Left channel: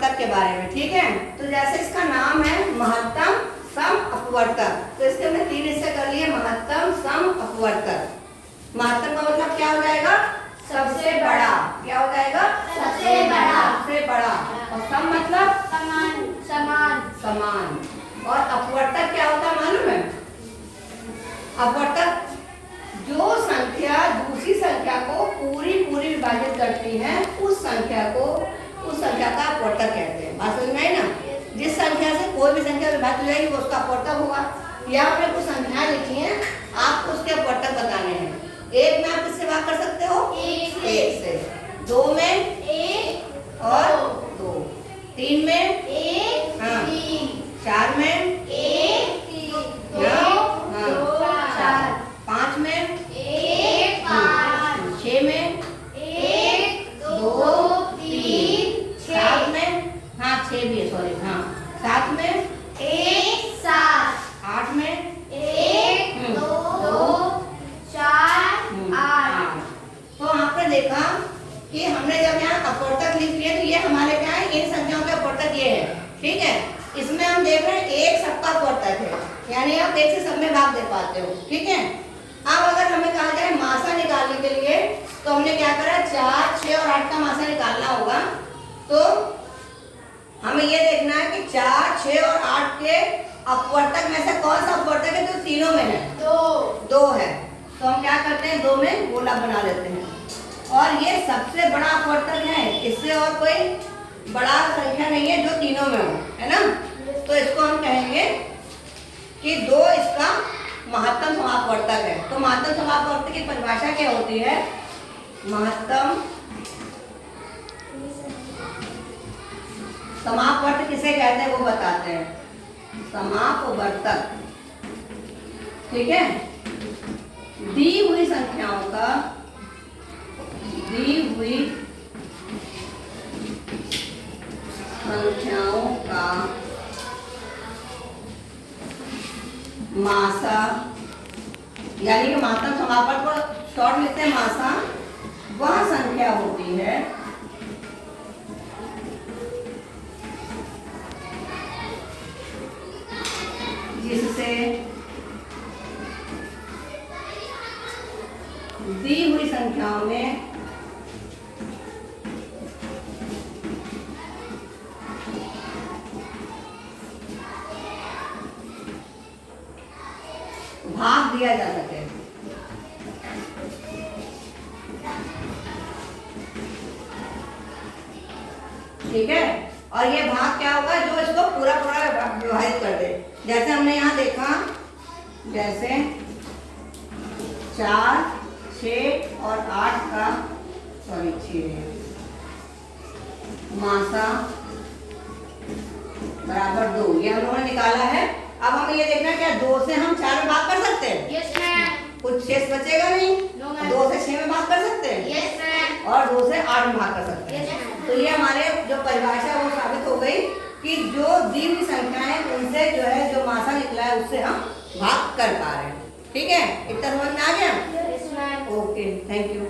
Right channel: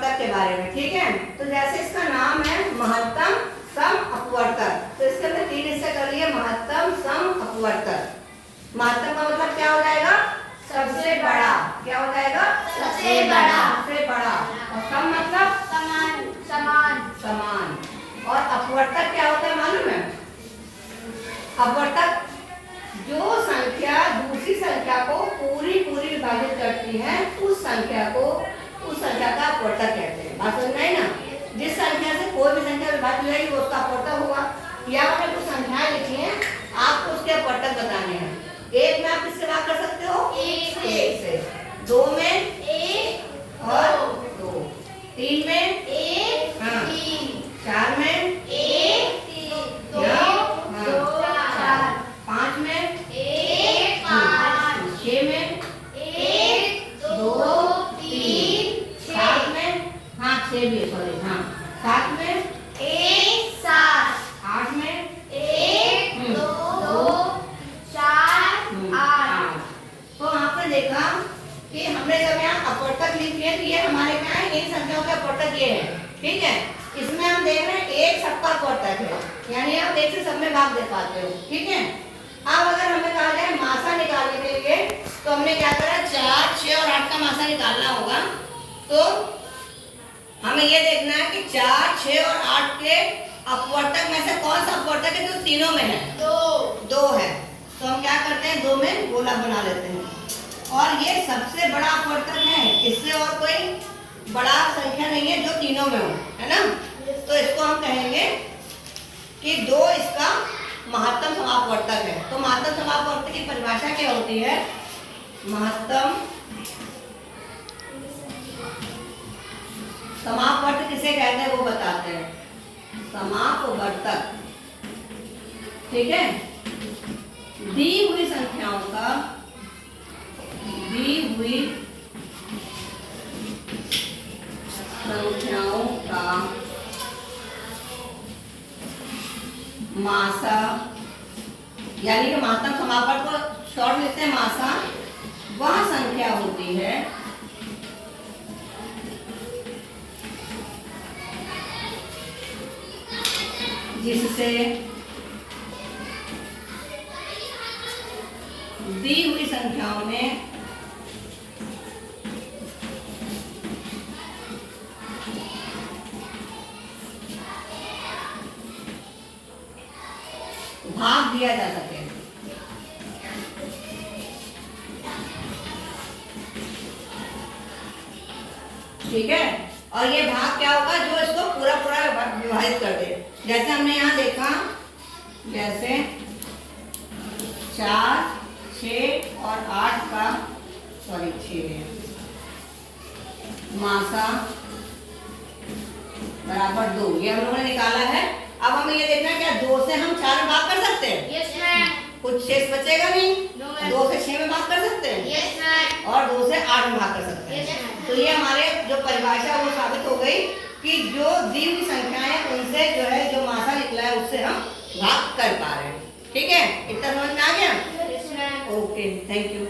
अपवर्तक के बारे में, ठीक है। तो जैसे इसका नाम है महत्तम सम अपवर्तक, तो इसके अंदर 3 हिस्से कर लिए, महत्तम सम अपवर्तक। महत्तम का मतलब क्या हो जाएगा? सबसे बड़ा। क्या हो जाएगा? सबसे बड़ा। सबसे बड़ा। और सम मतलब समान। समान। समान। और अपवर्तक क्या होता है मालूम है? अपवर्तक जो संख्या दूसरी संख्या को पूरी विभाजित करती है, उस संख्या का अपवर्तक कहते हैं। बात समझ में आई ना? जिस संख्या से कोई भी संख्या विभाजित हो जाएगी वो उसका अपवर्तक होगा। यहाँ पे कुछ संख्याएं लिखी हैं, आपको उसके अपवर्तक बताने हैं। 1 में आप किससे भाग कर सकते हो? 1 से। 2 में 1 और 2। 3 में 1 हाँ। 3। 4 में 1 3 2 2 4। 5 में 1 5। 6 में 1 2 3 7 6। में हाँ 6 भी है, सॉरी हाँ 7 में 1 7। 8 में 1 2 4 8। तो आपने देखा कि हमने जब यहाँ अपवर्तक लिख दिए तो ये हमारे क्या है? इन संख्याओं का अपवर्तक ये है, ठीक है। इसमें हम देख रहे हैं 1 सबका अपवर्तक है, यानी आप 1 से सब में भाग दे पाते हो, ठीक है। अब अगर हमें कहा जाए मासा निकालने के लिए, तो हमने क्या करा? 4 6 और 8 का मासा निकालना होगा। तो हमें ये देखना है कि 4 6 और 8 के अपवर्तक में से कौन सा अपवर्तक है? तो तीनों में है, 2 है। तो हम क्या करते हैं? 2 में गोला बना लेते हैं। और ये सबसे बड़ा अपवर्तक है, इससे और कोई बड़ा संख्या नहीं है जो तीनों में हो, है ना। तो इसको हम कहेंगे कि 2 इसका महत्तम समापवर्तक है। तो महत्तम समापवर्तक की परिभाषा क्या होती है? महत्तम समापवर्तक किसे कहते हैं वो बताते हैं। समापवर्तक, ठीक है, दी हुई संख्याओं का मासा, यानी कि महत्तम समापवर्तक को शॉर्ट में लिखते हैं मासा, वह संख्या होती है जिससे दी हुई संख्याओं में भाग दिया जा सके। ठीक है। और ये भाग क्या होगा? जो इसको पूरा विभाजित कर दे। जैसे हमने यहाँ देखा, जैसे 4 6 और 8 का, सॉरी 6 है, मासा बराबर 2, ये हम लोगों ने निकाला है। अब हमें ये देखना है क्या 2 से हम 4 में भाग कर सकते हैं? Yes ma'am. कुछ शेष बचेगा नहीं। No ma'am. 2 से 6 में भाग कर सकते हैं? Yes ma'am. और 2 से 8 में भाग कर सकते हैं। Yes ma'am. तो ये हमारे जो परिभाषा है वो साबित हो गई कि जो दी हुई संख्याएं उनसे जो है जो मासा निकला है उससे हम भाग कर पा रहे हैं। ठीक है, इतना समझ में आ गया? Yes ma'am. Okay, thank you.